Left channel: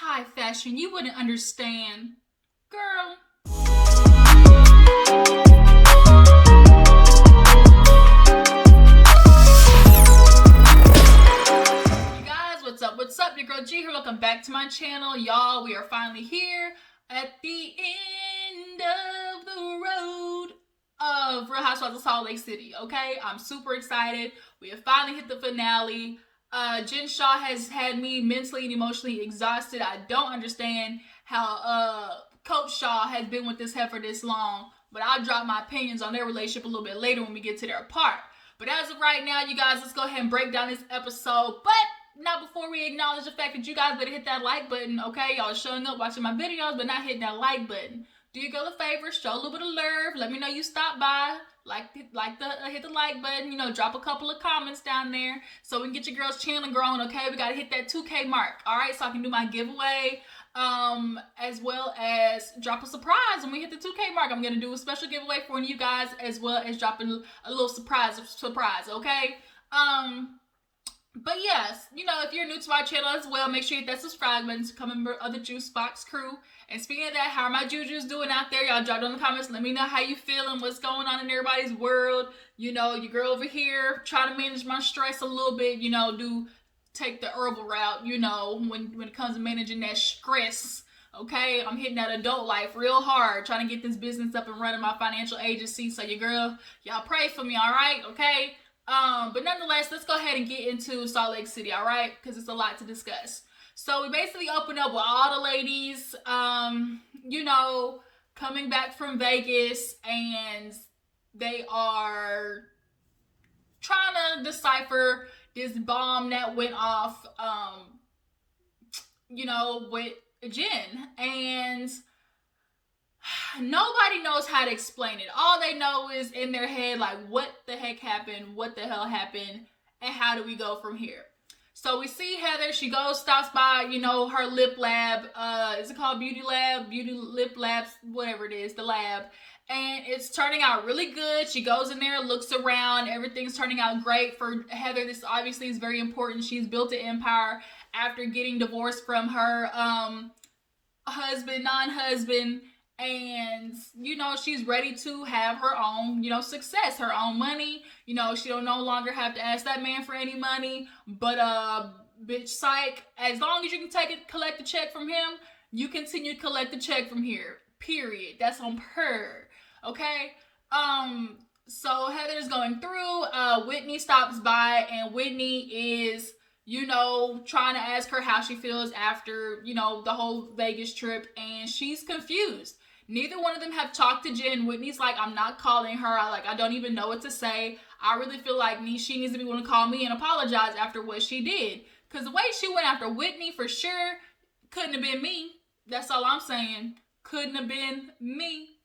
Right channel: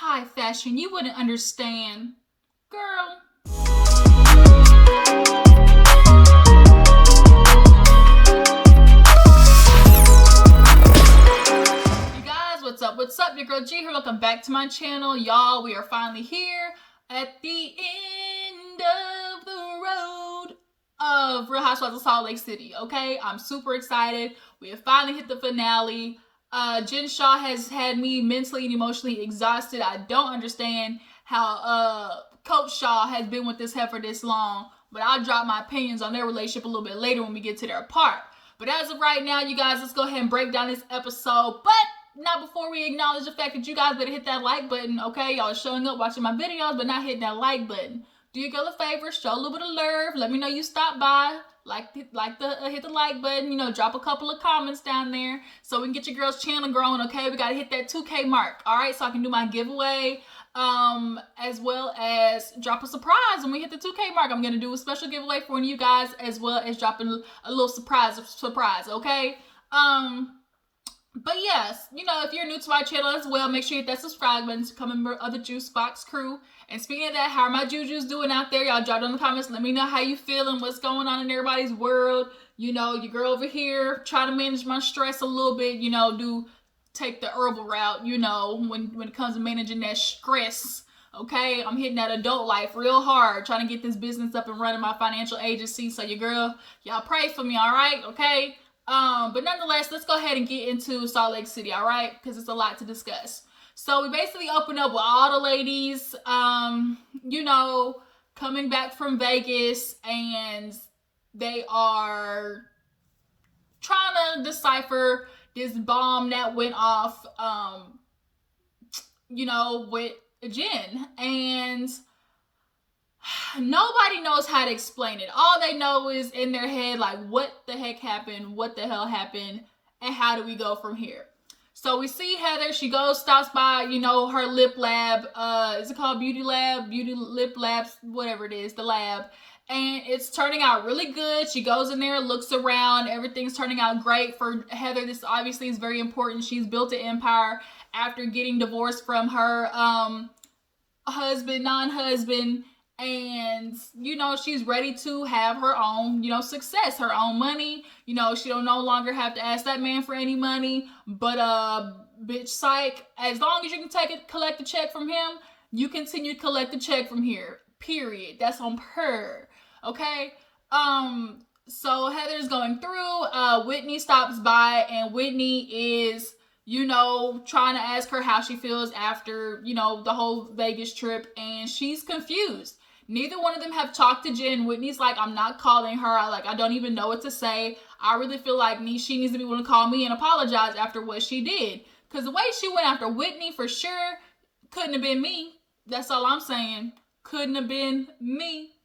high fashion. You wouldn't understand. Girl. You guys, what's up? What's up? Your girl G here. Welcome back to my channel. Y'all, we are finally here at the end of the road of Real Housewives of Salt Lake City, okay? I'm super excited. We have finally hit the finale. Jen Shah has had me mentally and emotionally exhausted. I don't understand how Coach Shah has been with this heifer this long, but I'll drop my opinions on their relationship a little bit later when we get to their part. But as of right now, you guys, let's go ahead and break down this episode. But not before we acknowledge the fact that you guys better hit that like button, okay? Y'all are showing up, watching my videos, but not hitting that like button. Do your girl a favor, show a little bit of love. Let me know you stopped by. Hit the like button, drop a couple of comments down there so we can get your girl's channel growing, okay? We got to hit that 2K mark, all right? So I can do my giveaway, as well as drop a surprise when we hit the 2K mark. I'm going to do a special giveaway for one of you guys, as well as dropping a little surprise, okay? But yes, if you're new to our channel as well, make sure you hit that subscribe button to become a member of the Juice Box crew. And speaking of that, how are my Jujus doing out there? Y'all drop down in the comments. Let me know how you feeling, what's going on in everybody's world. Your girl over here, try to manage my stress a little bit, take the herbal route, when it comes to managing that stress. Okay, I'm hitting that adult life real hard, trying to get this business up and running, my financial agency. So your girl, y'all pray for me, all right? Okay? But nonetheless, let's go ahead and get into Salt Lake City, all right? Because it's a lot to discuss. So we basically open up with all the ladies, coming back from Vegas, and they are trying to decipher this bomb that went off, with Jen. And nobody knows how to explain it. All they know is in their head, like, what the heck happened? What the hell happened? And how do we go from here? So we see Heather. She stops by, her lip lab. Is it called Beauty Lab? Beauty Lip Labs, whatever it is, the lab. And it's turning out really good. She goes in there, looks around. Everything's turning out great for Heather. This obviously is very important. She's built an empire after getting divorced from her non-husband. And, she's ready to have her own, success, her own money. She don't no longer have to ask that man for any money. But, bitch, psych, as long as you can collect a check from him, you continue to collect the check from here. Period. That's on her. Okay? So Heather's going through. Whitney stops by, and Whitney is, trying to ask her how she feels after, the whole Vegas trip. And she's confused. Neither one of them have talked to Jen. Whitney's like, I'm not calling her. I don't even know what to say. I really feel like she needs to be able to call me and apologize after what she did. Because the way she went after Whitney, for sure, couldn't have been me. That's all I'm saying. Couldn't have been me.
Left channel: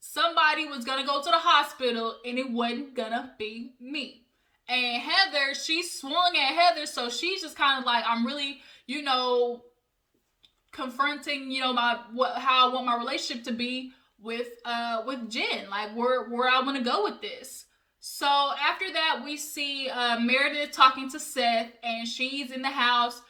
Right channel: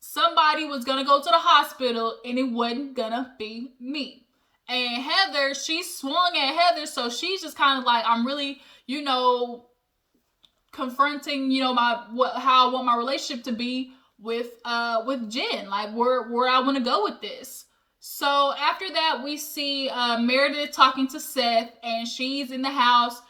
Somebody was going to go to the hospital, and it wasn't going to be me. And Heather, she swung at Heather, so she's just kind of like, I'm really, confronting, how I want my relationship to be with Jen, like where I want to go with this. So after that, we see Meredith talking to Seth, and she's in the house,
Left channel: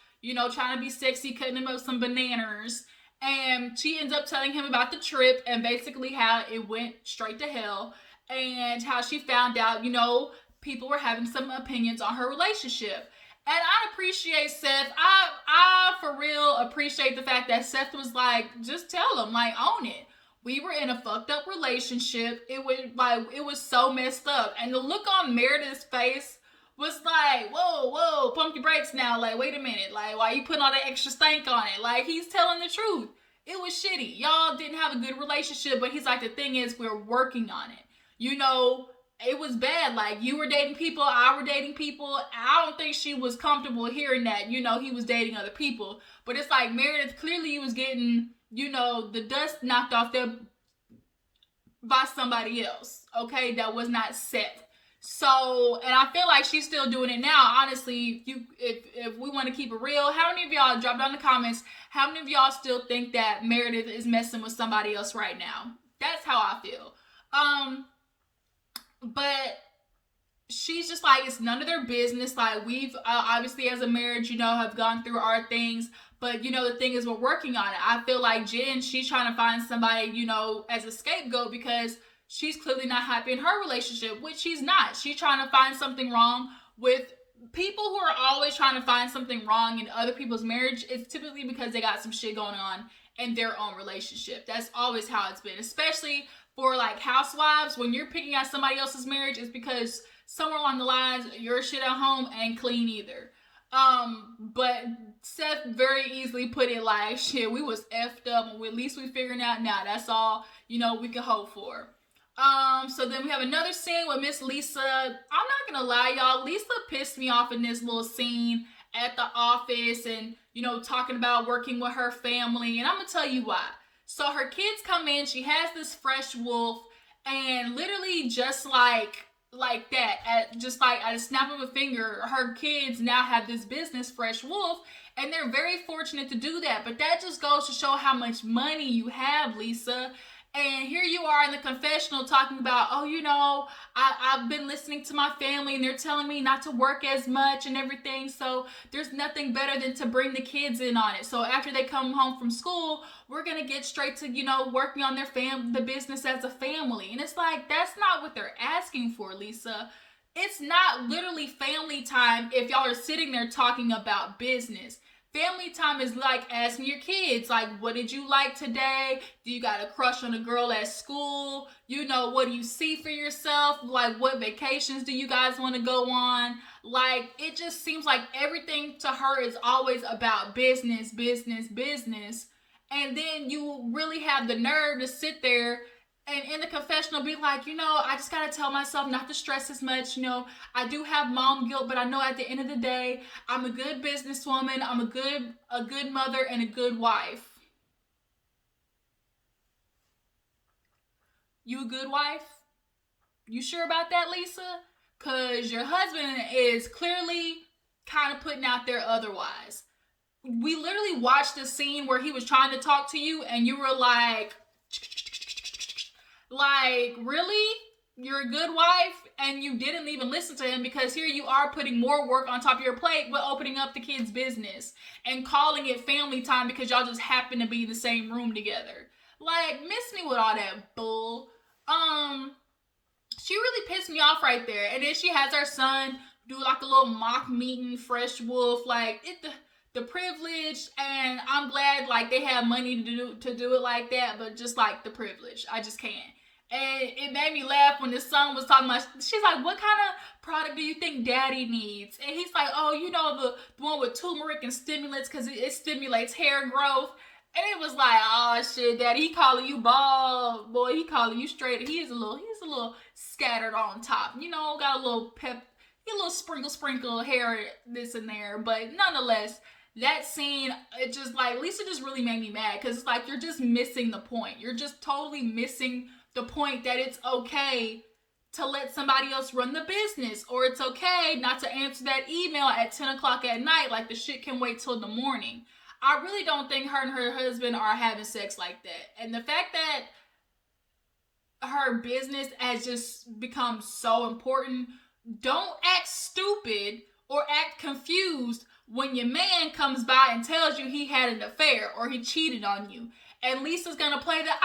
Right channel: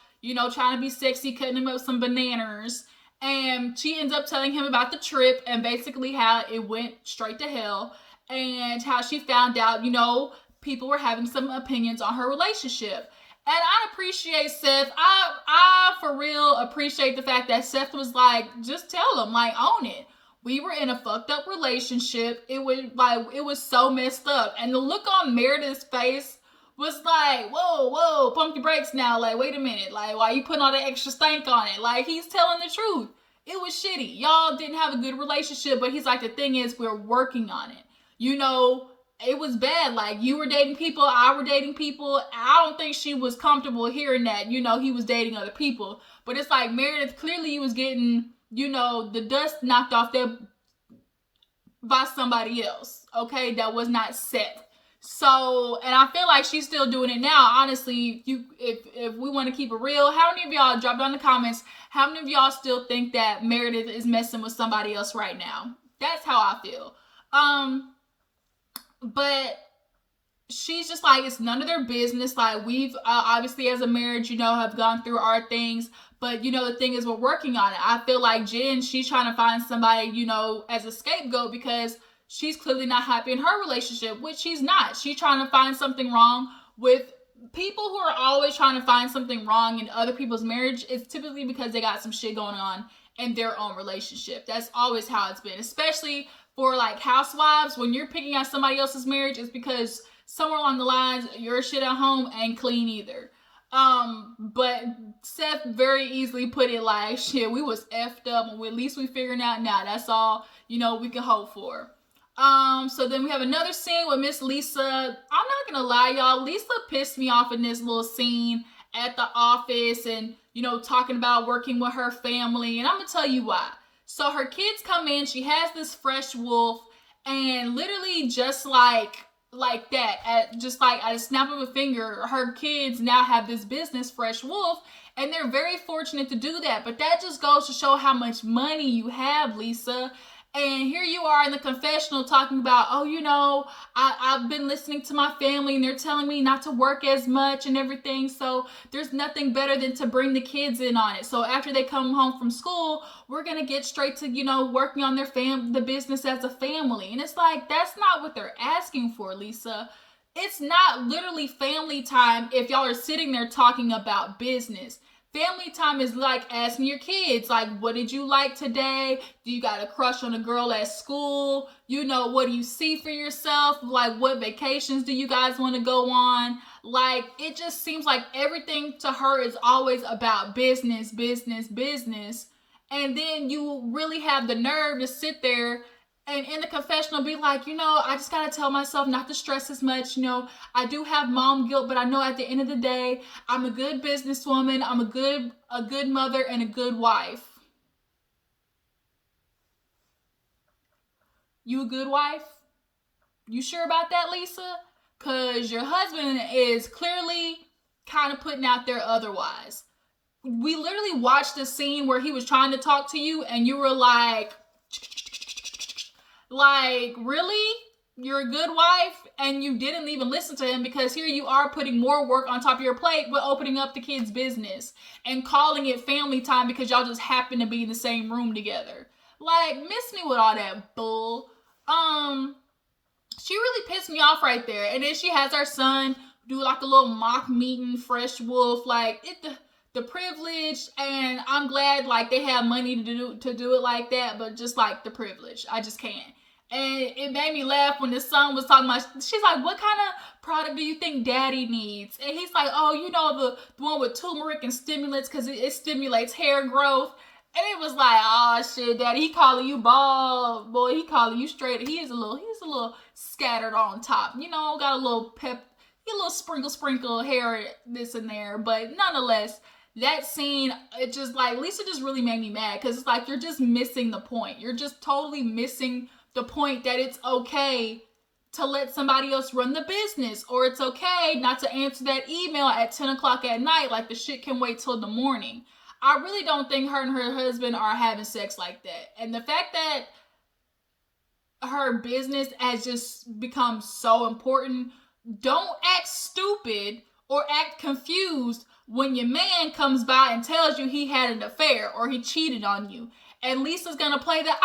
trying to be sexy, cutting him up some bananas, and she ends up telling him about the trip and basically how it went straight to hell, and how she found out, people were having some opinions on her relationship. And I appreciate Seth. I for real appreciate the fact that Seth was like, just tell him, like, own it. We were in a fucked up relationship. It was so messed up. And the look on Meredith's face was like, whoa, pump your brakes now. Like, wait a minute. Like, why you putting all that extra stank on it? Like, he's telling the truth. It was shitty. Y'all didn't have a good relationship, but he's like, the thing is, we're working on it. It was bad. Like, you were dating people, I were dating people. I don't think she was comfortable hearing that, he was dating other people. But it's like, Meredith, clearly you was getting, the dust knocked off there by somebody else, okay, that was not Seth. So, and I feel like she's still doing it now. Honestly, if we want to keep it real, how many of y'all, drop down in the comments, how many of y'all still think that Meredith is messing with somebody else right now? That's how I feel. But she's just like, it's none of their business. Like, we've obviously as a marriage, have gone through our things, But, the thing is, we're working on it. I feel like Jen, she's trying to find somebody, as a scapegoat because she's clearly not happy in her relationship, which she's not. She's trying to find something wrong with people who are always trying to find something wrong in other people's marriage. It's typically because they got some shit going on in their own relationship. That's always how it's been, especially for like housewives. When you're picking out somebody else's marriage, it's because somewhere along the lines, your shit at home ain't clean either. But Seth very easily put it like, shit, we was effed up, and at least we figuring out now. That's all, we can hope for. So then we have another scene with Miss Lisa. I'm not gonna lie, y'all. Lisa pissed me off in this little scene at the office and, talking about working with her family. And I'm gonna tell you why. So her kids come in, she has this fresh wolf, and literally just like that, at a snap of a finger, her kids now have this business, Fresh Wolf, and they're very fortunate to do that. But that just goes to show how much money you have, Lisa. And here you are in the confessional talking about, I've been listening to my family and they're telling me not to work as much and everything. So there's nothing better than to bring the kids in on it. So after they come home from school, we're going to get straight to, working on the business as a family. And it's like, that's not what they're asking for, Lisa. It's not literally family time if y'all are sitting there talking about business. Family time is like asking your kids, like, what did you like today? Do you got a crush on a girl at school? What do you see for yourself? Like, what vacations do you guys want to go on? Like, it just seems like everything to her is always about business, business, business. And then you really have the nerve to sit there and in the confessional be like, I just got to tell myself not to stress as much. I do have mom guilt, but I know at the end of the day, I'm a good businesswoman. I'm a good mother and a good wife. You a good wife? You sure about that, Lisa? Because your husband is clearly kind of putting out there otherwise. We literally watched the scene where he was trying to talk to you and you were like, really? You're a good wife? And you didn't even listen to him because here you are putting more work on top of your plate with opening up the kids' business and calling it family time because y'all just happen to be in the same room together. Like, miss me with all that bull. She really pissed me off right there. And then she has our son do like a little mock meeting, Fresh Wolf, like the privilege, and I'm glad like they have money to do it like that, but just like the privilege, I just can't. And it made me laugh when the son was talking about, she's like, what kind of product do you think daddy needs? And he's like, the one with turmeric and stimulants because it stimulates hair growth. And it was like, oh shit, daddy, he calling you bald, boy, he calling you straight. He's a little scattered on top, got a little pep, a little sprinkle hair this and there, but nonetheless, that scene, it just like, Lisa just really made me mad because it's like, you're just missing the point. You're just totally missing the point that it's okay to let somebody else run the business, or it's okay not to answer that email at 10 o'clock at night, like the shit can wait till the morning. I really don't think her and her husband are having sex like that. And the fact that her business has just become so important, don't act stupid or act confused when your man comes by and tells you he had an affair or he cheated on you. And Lisa's gonna play that,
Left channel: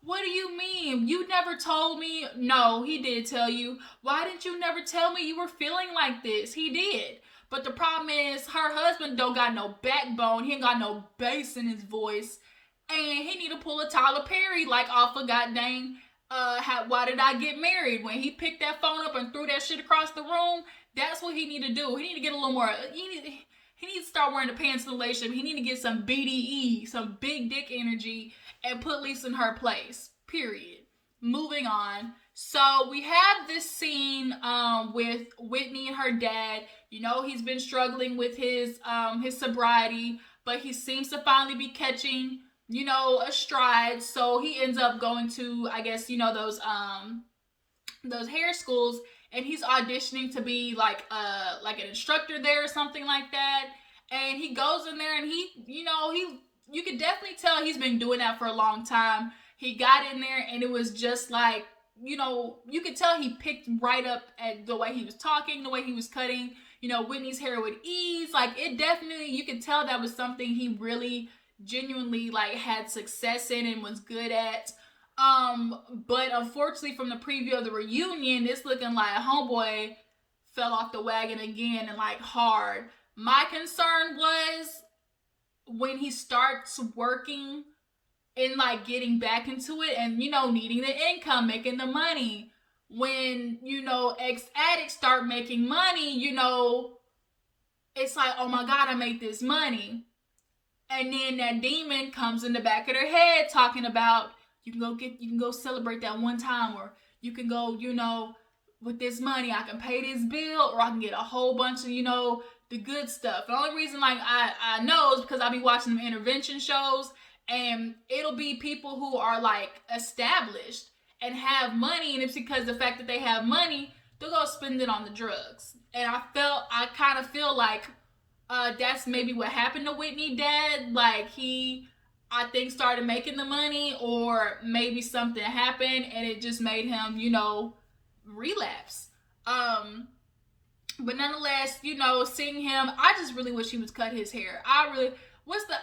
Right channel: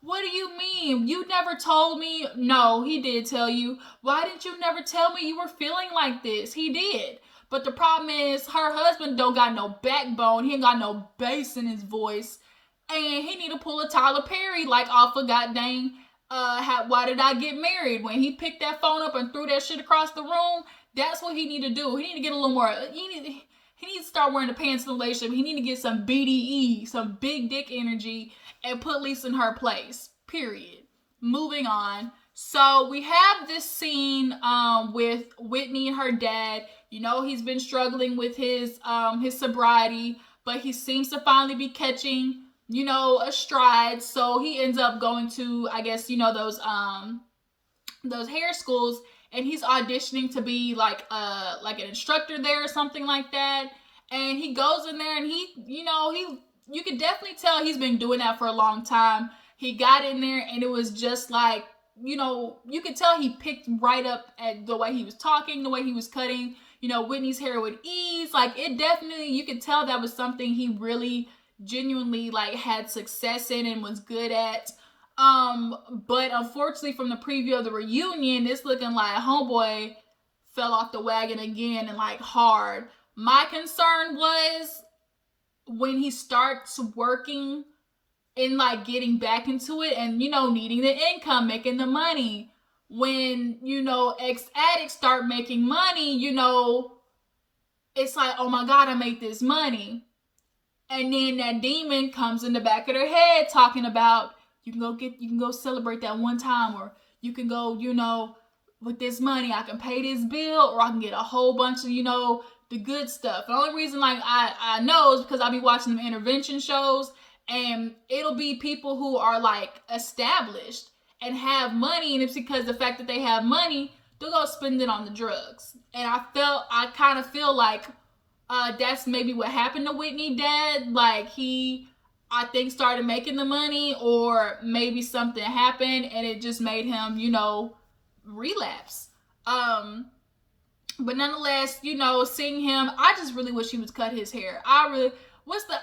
what do you mean? You never told me. No, he did tell you. Why didn't you never tell me you were feeling like this? He did. But the problem is her husband don't got no backbone. He ain't got no bass in his voice. And he need to pull a Tyler Perry like off of goddamn Why Did I Get Married? When he picked that phone up and threw that shit across the room, that's what he need to do. He need to get a little more, he needs to start wearing the pants in the relationship. He need to get some BDE, some big dick energy, and put Lisa in her place. Period. Moving on. So we have this scene with Whitney and her dad. He's been struggling with his sobriety, but he seems to finally be catching, a stride. So he ends up going to, I guess, those hair schools, and he's auditioning to be like an instructor there or something like that. And he goes in there and you can definitely tell he's been doing that for a long time. He got in there and it was just like, you could tell he picked right up at the way he was talking, the way he was cutting, Whitney's hair with ease. Like, it definitely, you could tell that was something he really genuinely like had success in and was good at. But unfortunately, from the preview of the reunion, it's looking like homeboy fell off the wagon again, and like hard. My concern was when he starts working and like getting back into it and needing the income, making the money. When ex-addicts start making money, it's like, oh my god, I make this money. And then that demon comes in the back of their head talking about, you can go celebrate that one time, or you can go, with this money I can pay this bill, or I can get a whole bunch of, the good stuff. The only reason like I know is because I be watching the intervention shows, and it'll be people who are like established and have money, and it's because the fact that they have money, they'll go spend it on the drugs. And I kind of feel like that's maybe what happened to Whitney dad. Like, he, I think, started making the money, or maybe something happened and it just made him, relapse. But nonetheless, seeing him, I just really wish he would cut his hair. What's the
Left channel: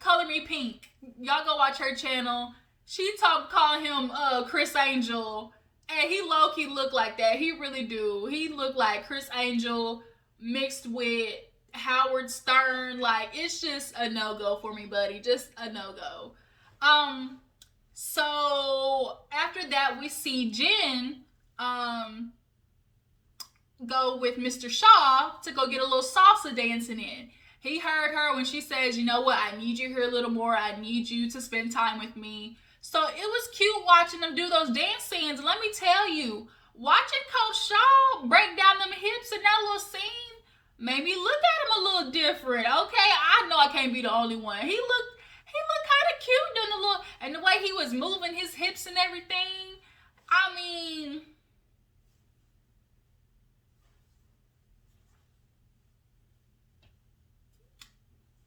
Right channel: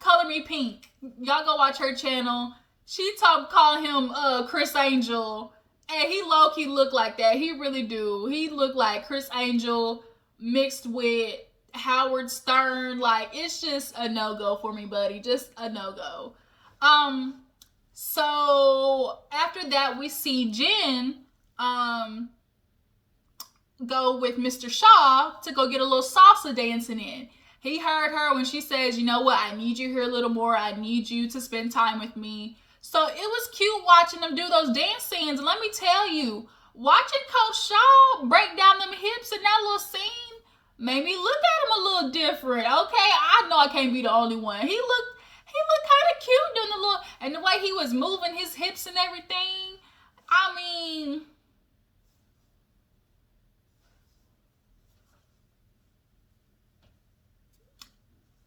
Color Me Pink? Y'all go watch her channel. She calling him Chris Angel, and he low-key look like that. He really do. He look like Chris Angel mixed with Howard Stern. Like, it's just a no-go for me, buddy. Just a no-go. So after that, we see Jen go with Mr. Shaw to go get a little salsa dancing in. He heard her when she says, you know what, I need you here a little more. I need you to spend time with me. So it was cute watching them do those dance scenes. And let me tell you, watching Coach Shaw break down them hips in that little scene made me look at him a little different. Okay, I know I can't be the only one. He looked kind of cute doing the little, and the way he was moving his hips and everything. I mean,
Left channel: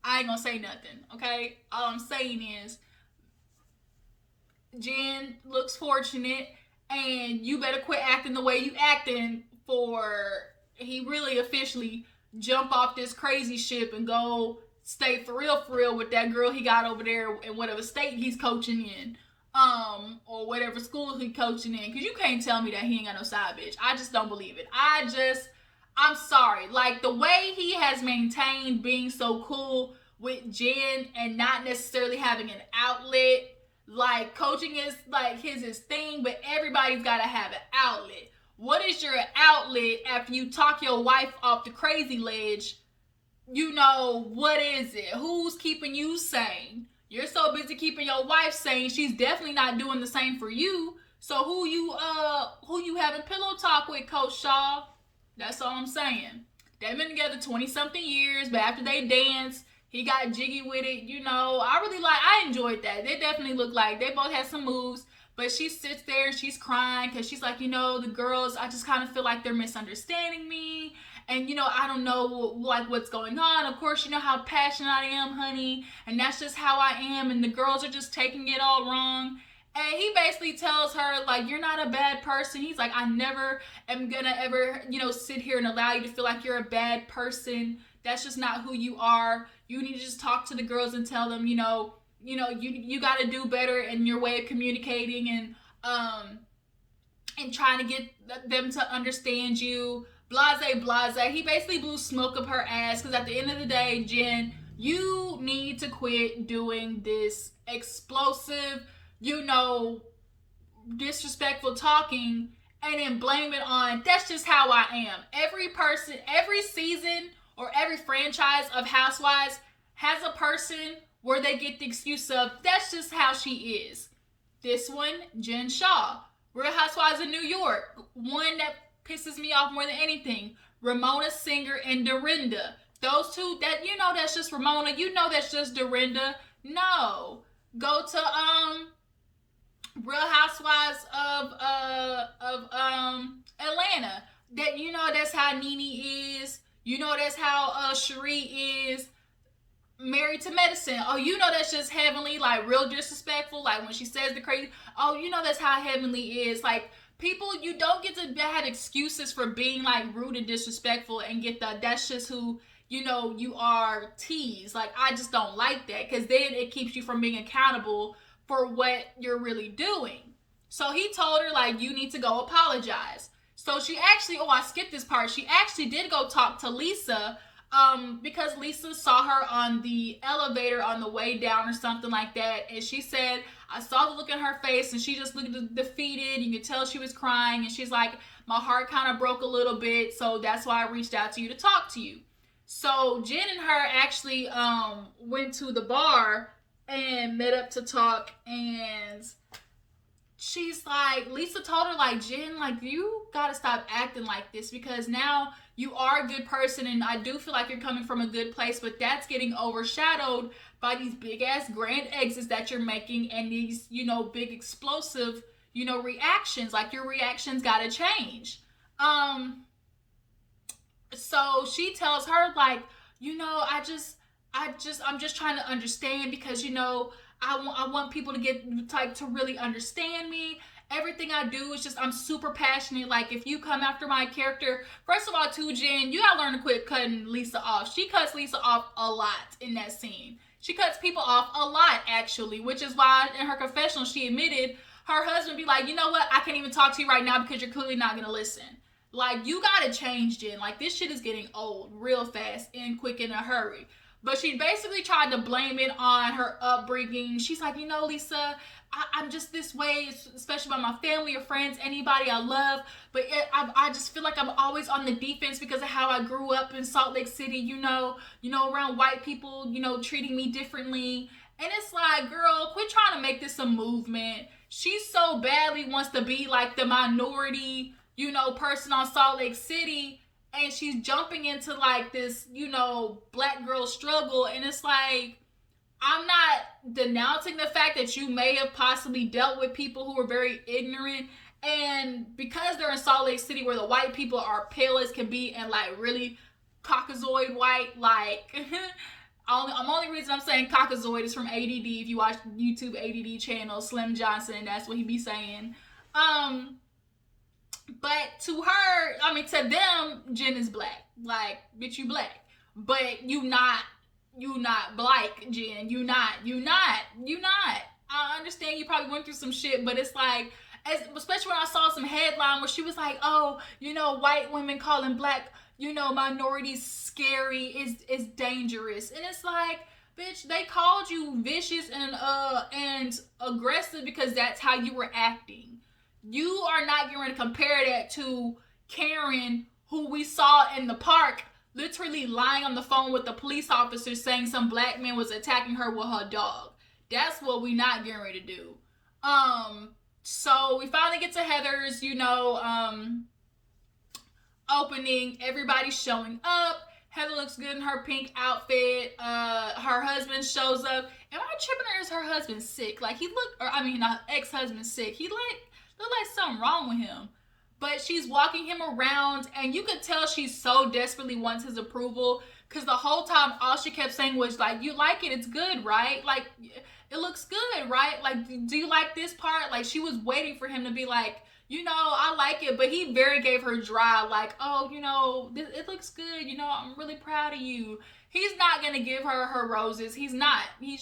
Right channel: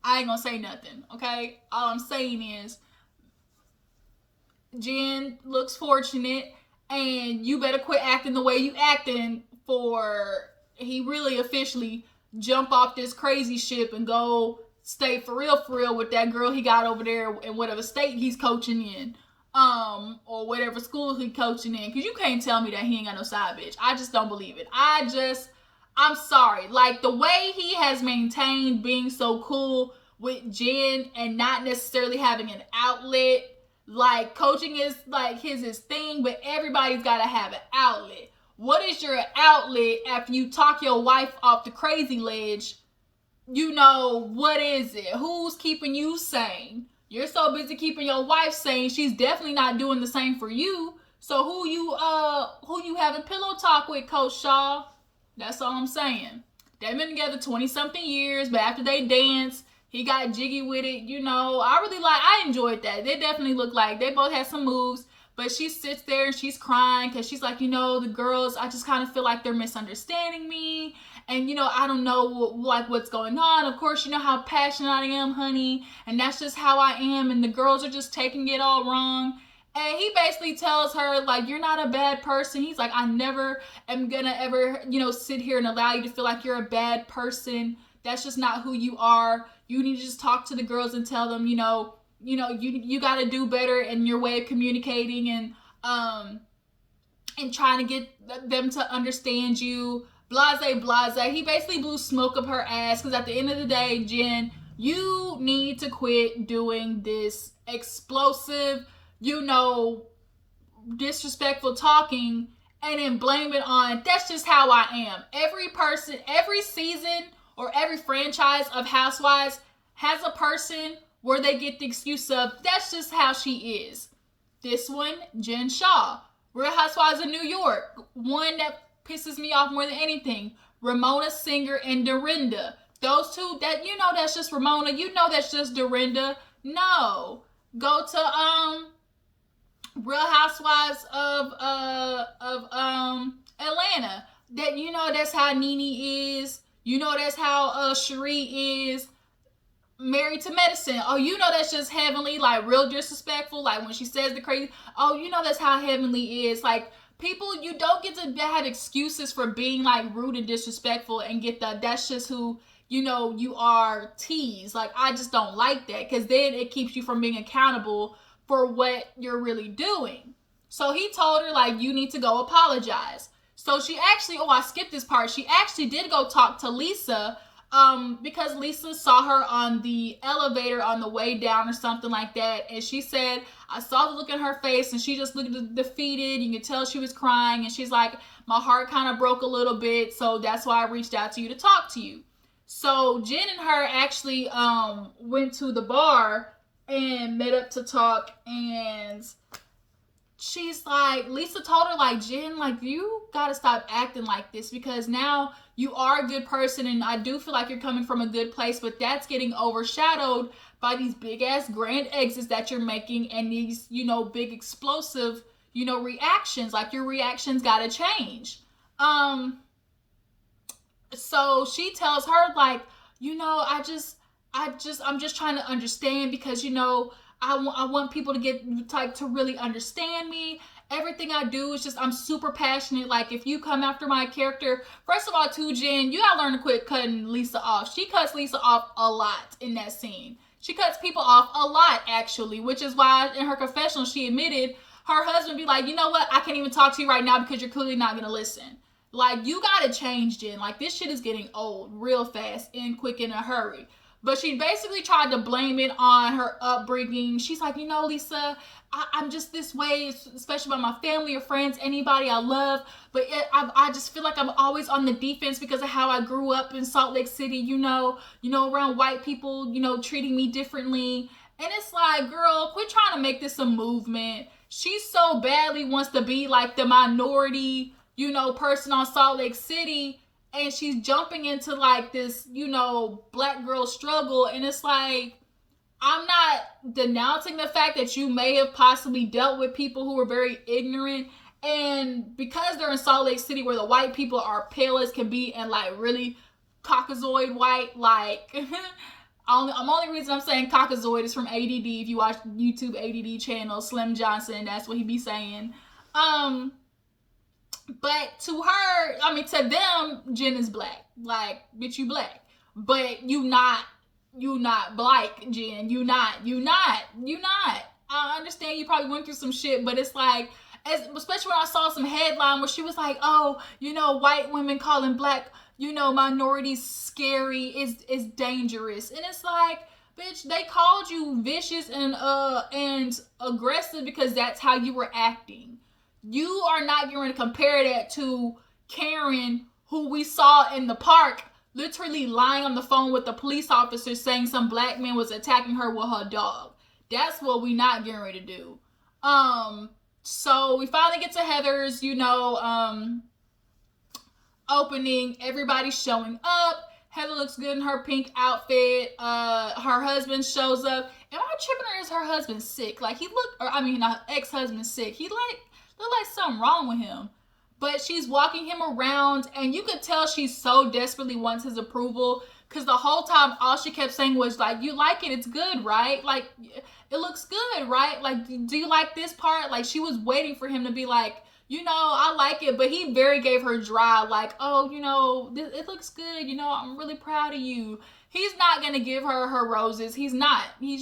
I ain't gonna say nothing, okay? All I'm saying is, Jen looks fortunate, and you better quit acting the way you acting for he really officially jump off this crazy ship and go stay for real with that girl he got over there in whatever state he's coaching in, or whatever school he's coaching in. Because you can't tell me that he ain't got no side bitch. I just don't believe it. I'm sorry. Like, the way he has maintained being so cool with Jen and not necessarily having an outlet. Like, coaching is like his thing, but everybody's got to have an outlet. What is your outlet after you talk your wife off the crazy ledge? What is it? Who's keeping you sane? You're so busy keeping your wife sane, she's definitely not doing the same for you. So who you having pillow talk with, Coach Shaw? That's all I'm saying. They've been together 20-something years, but after they danced, he got jiggy with it. I enjoyed that. They definitely look like they both had some moves, but she sits there and she's crying because she's like, the girls, I just kind of feel like they're misunderstanding me. And, I don't know, like, what's going on. Of course, you know how passionate I am, honey. And that's just how I am. And the girls are just taking it all wrong. And he basically tells her, like, you're not a bad person. He's like, I never am going to ever, sit here and allow you to feel like you're a bad person. That's just not who you are. You need to just talk to the girls and tell them, you got to do better in your way of communicating and trying to get them to understand you. Blase. He basically blew smoke up her ass, because at the end of the day, Jen, you need to quit doing this explosive, disrespectful talking and then blame it on, that's just how I am. Every person, every season, or every franchise of Housewives has a person where they get the excuse of, that's just how she is. This one, Jen Shaw. Real Housewives of New York. One that pisses me off more than anything. Ramona Singer and Dorinda. Those two, that's just Ramona. That's just Dorinda. No. Go to Real Housewives of Atlanta. That's how Nene is. That's how Cherie is. Married to Medicine. Oh, that's just Heavenly, like real disrespectful. Like when she says the crazy. Oh, that's how Heavenly is. Like, people, you don't get to have excuses for being like rude and disrespectful and get that's just who you are teased. Like, I just don't like that, because then it keeps you from being accountable for what you're really doing. So he told her, like, you need to go apologize. So she actually, I skipped this part. She actually did go talk to Lisa, because Lisa saw her on the elevator on the way down or something like that. And she said, I saw the look in her face and she just looked defeated. You could tell she was crying. And she's like, my heart kind of broke a little bit. So that's why I reached out to you to talk to you. So Jen and her actually went to the bar and met up to talk. And she's like, Lisa told her, like, Jen, like, you gotta stop acting like this, because now you are a good person and I do feel like you're coming from a good place, but that's getting overshadowed by these big ass grand exits that you're making and these, big explosive, reactions. Like, your reactions gotta change. So she tells her, like, I'm just trying to understand, because, I want people to get, like, to really understand me. Everything I do is just, I'm super passionate. Like, if you come after my character, first of all, too, Jen, you gotta learn to quit cutting Lisa off. She cuts Lisa off a lot in that scene. She cuts people off a lot, actually, which is why in her confessional she admitted her husband be like, you know what, I can't even talk to you right now because you're clearly not gonna listen. Like, you gotta change, Jen. Like, this shit is getting old real fast and quick in a hurry. But she basically tried to blame it on her upbringing. She's like, Lisa, I'm just this way, especially by my family or friends, anybody I love. But I just feel like I'm always on the defense because of how I grew up in Salt Lake City, around white people, treating me differently. And it's like, girl, quit trying to make this a movement. She so badly wants to be like the minority, person on Salt Lake City. And she's jumping into like this, black girl struggle. And it's like, I'm not denouncing the fact that you may have possibly dealt with people who were very ignorant. And because they're in Salt Lake City where the white people are pale as can be and like really Caucasoid white, like only reason I'm saying Caucasoid is from ADD. If you watch YouTube ADD channel, Slim Johnson, that's what he be saying. But to her, to them, Jen is black. Like, bitch, you black. But you not black, Jen. You not. I understand you probably went through some shit, but it's like, especially when I saw some headline where she was like, oh, white women calling black, minorities scary is dangerous. And it's like, bitch, they called you vicious and aggressive because that's how you were acting. You are not going to compare that to Karen, who we saw in the park literally lying on the phone with the police officer saying some black man was attacking her with her dog. That's what we not getting ready to do. So we finally get to Heather's, opening. Everybody's showing up. Heather looks good in her pink outfit. Her husband shows up. Am I tripping, or is her husband sick? Like, ex-husband sick. He looked like something wrong with him. But she's walking him around, and you could tell she so desperately wants his approval, because the whole time all she kept saying was like, you like it, it's good, right? Like, it looks good, right? Like, do you like this part? Like, she was waiting for him to be like, I like it. But he very gave her dry, like, oh, it looks good, I'm really proud of you. He's not gonna give her roses. He's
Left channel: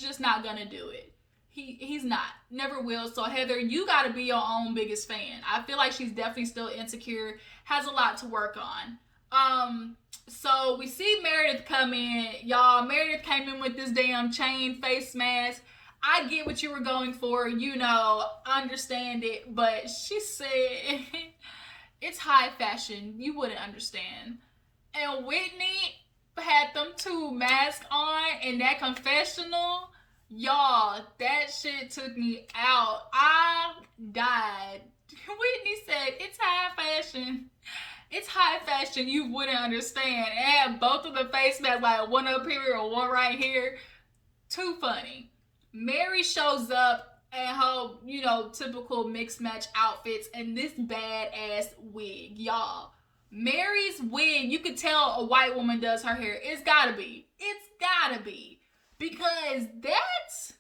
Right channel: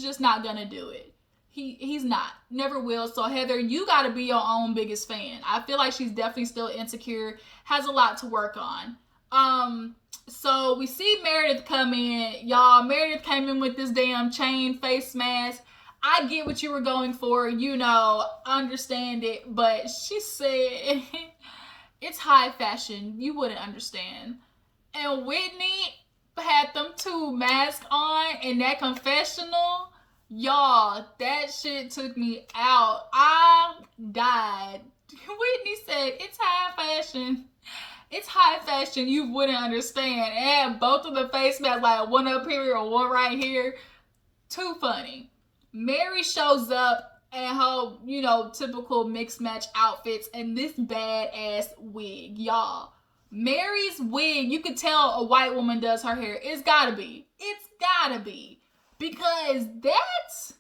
just not gonna do it. He's not. Never will. So Heather, you gotta be your own biggest fan. I feel like she's definitely still insecure, has a lot to work on. So we see Meredith come in. Y'all, Meredith came in with this damn chain face mask. I get what you were going for, understand it, but she said it's high fashion. You wouldn't understand. And Whitney had them two masks on in that confessional. Y'all, that shit took me out. I died. Whitney said, it's high fashion. It's high fashion. You wouldn't understand. And both of the face masks, like one up here or one right here. Too funny. Mary shows up in her, typical mixed match outfits and this badass wig. Y'all, Mary's wig, you could tell a white woman does her hair. It's gotta be. Because that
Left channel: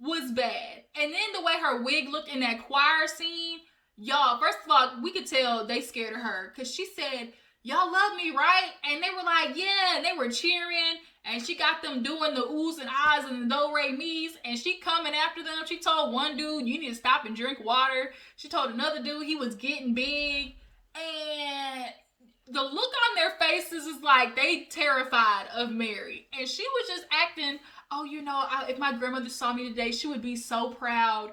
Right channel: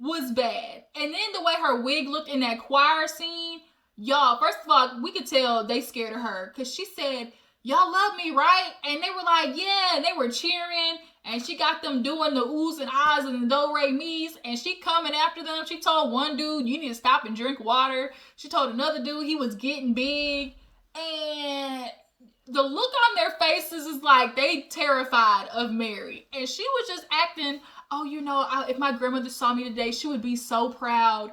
was bad. And then the way her wig looked in that choir scene, Y'all, first of all, we could tell they scared of her because she said, y'all love me, right? And they were like, yeah, and they were cheering. And she got them doing the oohs and ahs and the do-re-mis. And she coming after them. She told one dude, you need to stop and drink water. She told another dude he was getting big. And the look on their faces is like they terrified of Mary. And she was just acting, oh, if my grandmother saw me today, she would be so proud.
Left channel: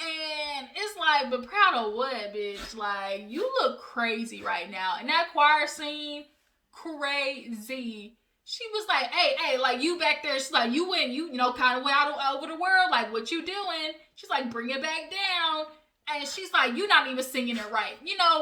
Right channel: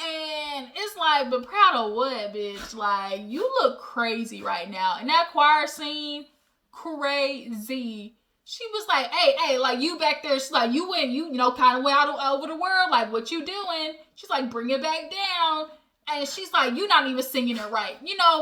And it's like, but proud of what, bitch? Like, you look crazy right now. And that choir scene, crazy. She was like, hey, like, you back there. She's like, you went, kind of went out over the world. Like, what you doing? She's like, bring it back down. And she's like, you not even singing it right.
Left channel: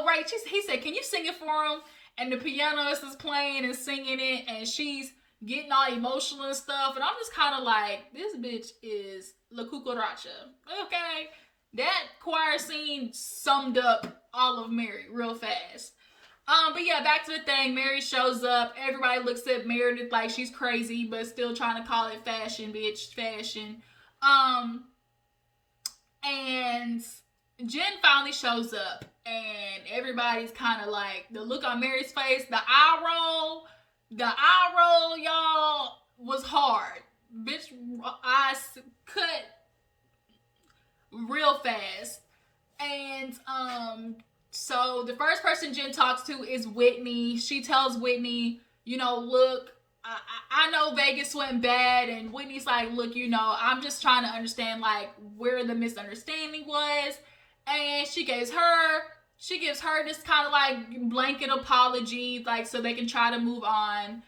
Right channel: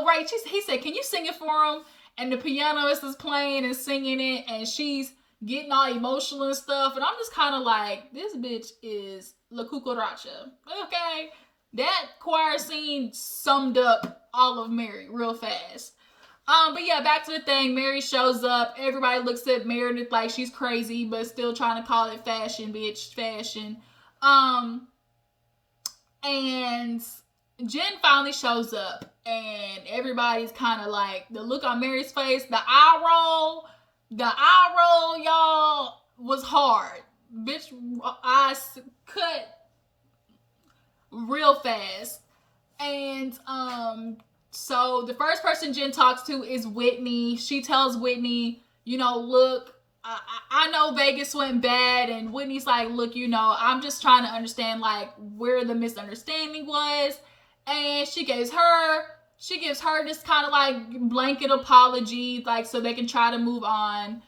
Right? He said, can you sing it for him? And the pianist is playing and singing it. And she's getting all emotional and stuff. And I'm just kind of like, this bitch is La Cucaracha. Okay? That choir scene summed up all of Mary real fast. But yeah, back to the thing. Mary shows up. Everybody looks at Meredith like she's crazy, but still trying to call it fashion, bitch. Fashion. And Jen finally shows up. And everybody's kind of like, the look on Mary's face, the eye roll, y'all, was hard. Bitch, eyes cut real fast. And so the first person Jen talks to is Whitney. She tells Whitney, look, I know Vegas went bad. And Whitney's like, look, I'm just trying to understand like where the misunderstanding was. And she gives her this kind of like blanket apology, like so they can try to move on.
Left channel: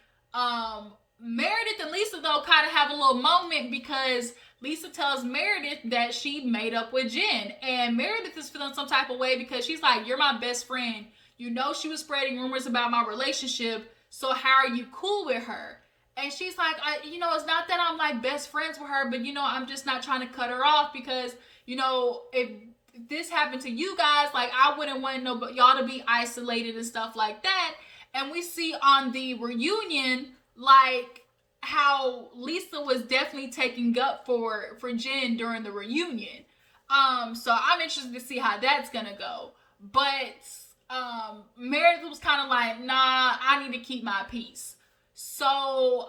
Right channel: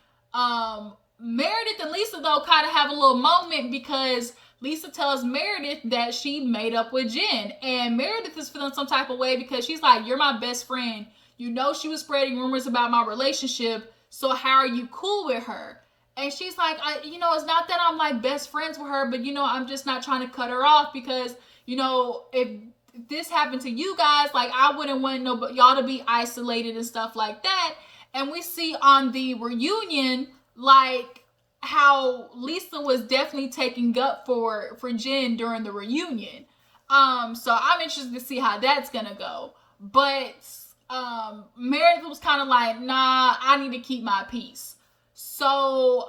Meredith and Lisa though kind of have a little moment because Lisa tells Meredith that she made up with Jen. And Meredith is feeling some type of way because she's like, you're my best friend. She was spreading rumors about my relationship. So how are you cool with her? And she's like, it's not that I'm like best friends with her, but I'm just not trying to cut her off because, if this happened to you guys, like I wouldn't want y'all to be isolated and stuff like that. And we see on the reunion, like, how Lisa was definitely taking up for Jen during the reunion. So I'm interested to see how that's gonna go. But Meredith was kind of like, nah, I need to keep my peace. So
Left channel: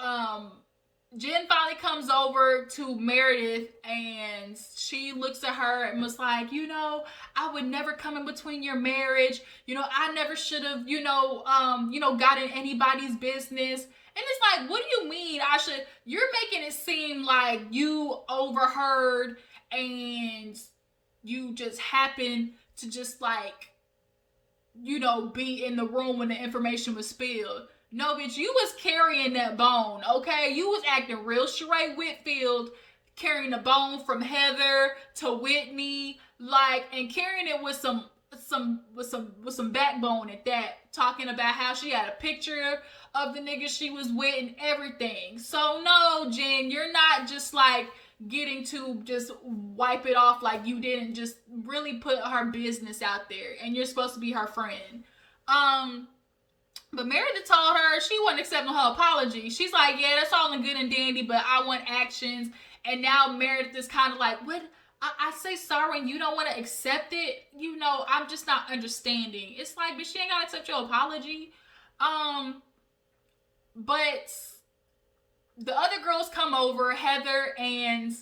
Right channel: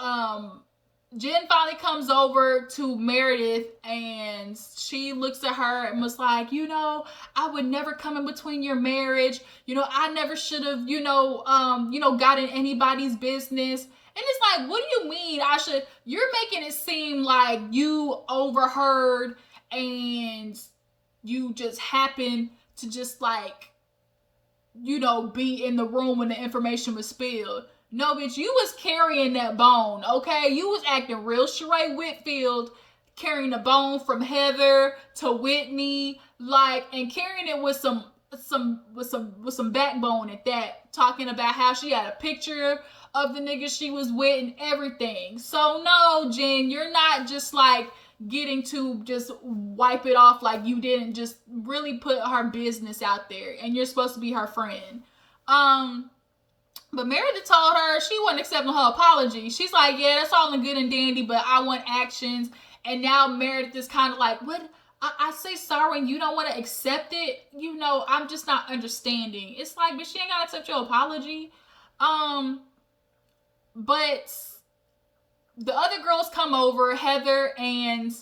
Jen finally comes over to Meredith and she looks at her and was like, I would never come in between your marriage. I never should have, got in anybody's business. And it's like, what do you mean you're making it seem like you overheard and you just happened to just like, be in the room when the information was spilled. No, bitch, you was carrying that bone, okay? You was acting real Sheree Whitfield, carrying the bone from Heather to Whitney, like, and carrying it with some backbone at that, talking about how she had a picture of the nigga she was with and everything. So no, Jen, you're not just like getting to just wipe it off like you didn't just really put her business out there and you're supposed to be her friend. But Meredith told her she wasn't accepting her apology. She's like, yeah, that's all in good and dandy, but I want actions. And now Meredith is kind of like, what? I say sorry and you don't want to accept it? I'm just not understanding. It's like, but she ain't got to accept your apology. But the other girls come over, Heather and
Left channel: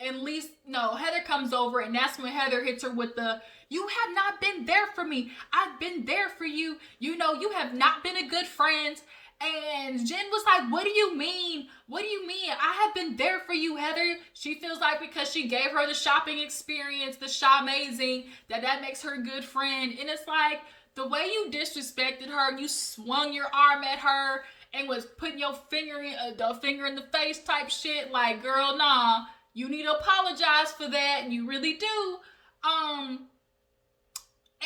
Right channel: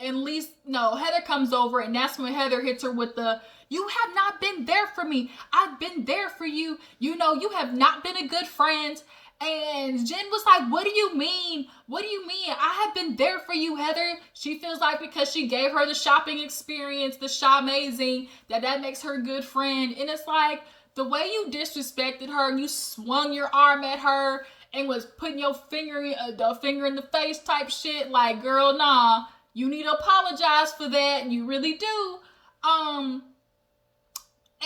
Lisa. No, Heather comes over, and that's when Heather hits her with the, you have not been there for me. I've been there for you. You have not been a good friend. And Jen was like, what do you mean? What do you mean? I have been there for you, Heather. She feels like because she gave her the shopping experience, the Shawmazing, that makes her a good friend. And it's like, the way you disrespected her and you swung your arm at her and was putting your finger in the face type shit, like, girl, nah, you need to apologize for that, and you really do.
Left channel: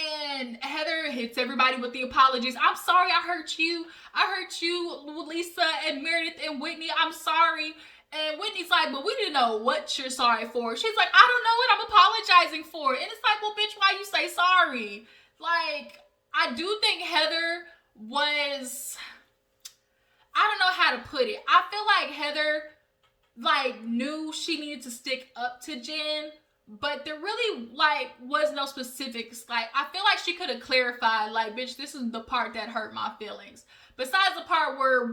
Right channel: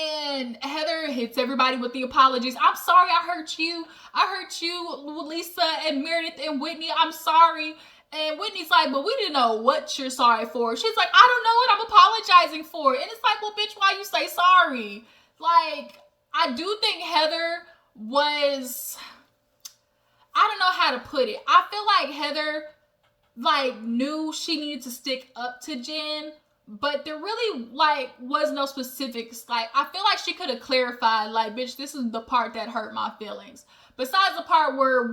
And Heather hits everybody with the apologies. I'm sorry I hurt you. Lisa and Meredith and Whitney. I'm sorry. And Whitney's like, but we didn't know what you're sorry for. She's like, I don't know what I'm apologizing for. And it's like, well, bitch, why you say sorry? Like, I do think Heather was, I don't know how to put it. I feel like Heather, like, knew she needed to stick up to Jen, but there really like was no specifics. Like I feel like she could have clarified, like, bitch, this is the part that hurt my feelings. Besides the part where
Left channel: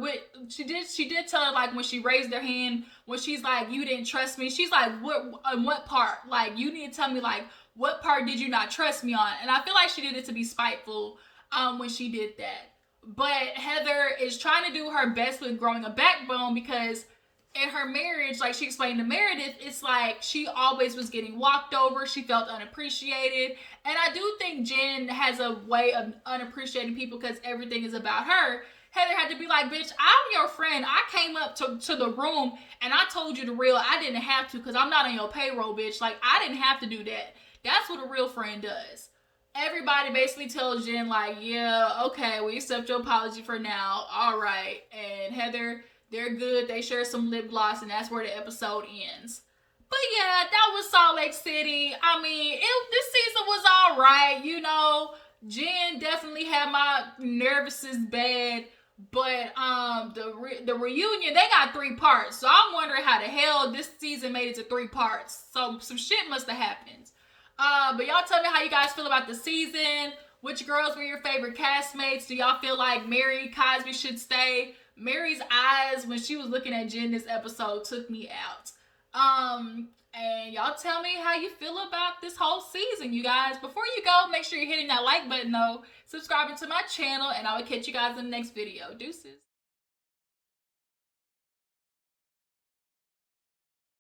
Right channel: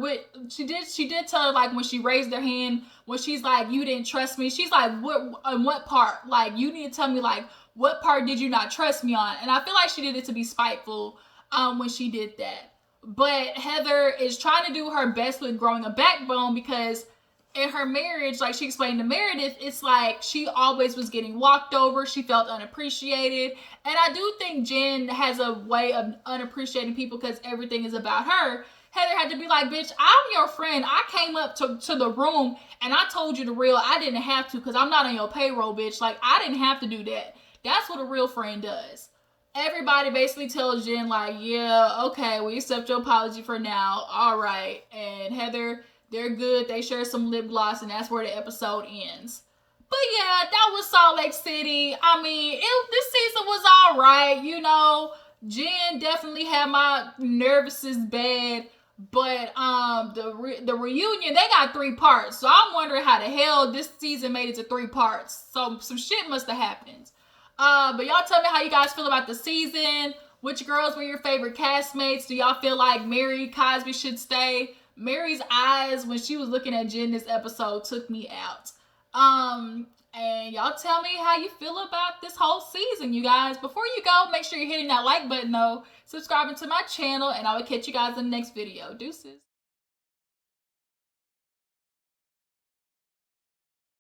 she did tell her, like, when she raised her hand, when she's like, you didn't trust me, she's like, what part? Like, you need to tell me, like, what part did you not trust me on? And I feel like she did it to be spiteful when she did that. But Heather is trying to do her best with growing a backbone, because in her marriage, like she explained to Meredith, it's like she always was getting walked over. She felt unappreciated. And I do think Jen has a way of unappreciating people because everything is about her. Heather had to be like, bitch, I'm your friend. I came up to the room and I told you the real. I didn't have to because I'm not on your payroll, bitch. Like, I didn't have to do that. That's what a real friend does. Everybody basically tells Jen, like, yeah, okay, we accept your apology for now. All right. And Heather, they're good. They share some lip gloss, and that's where the episode ends. But yeah, that was Salt Lake City. I mean, this season was all right. You know, Jen definitely had my nervousness bad. But the reunion, they got 3 parts. So I'm wondering how the hell this season made it to 3 parts. So some shit must have happened. But y'all tell me how you guys feel about the season. Which girls were your favorite castmates? Do y'all feel like Mary Cosby should stay? Mary's eyes when she was looking at Jen this episode took me out. And y'all tell me how you feel about this whole season, you guys. Before you go, make sure you're hitting that like button though, subscribing to my channel, and I will catch you guys in the next video. Deuces.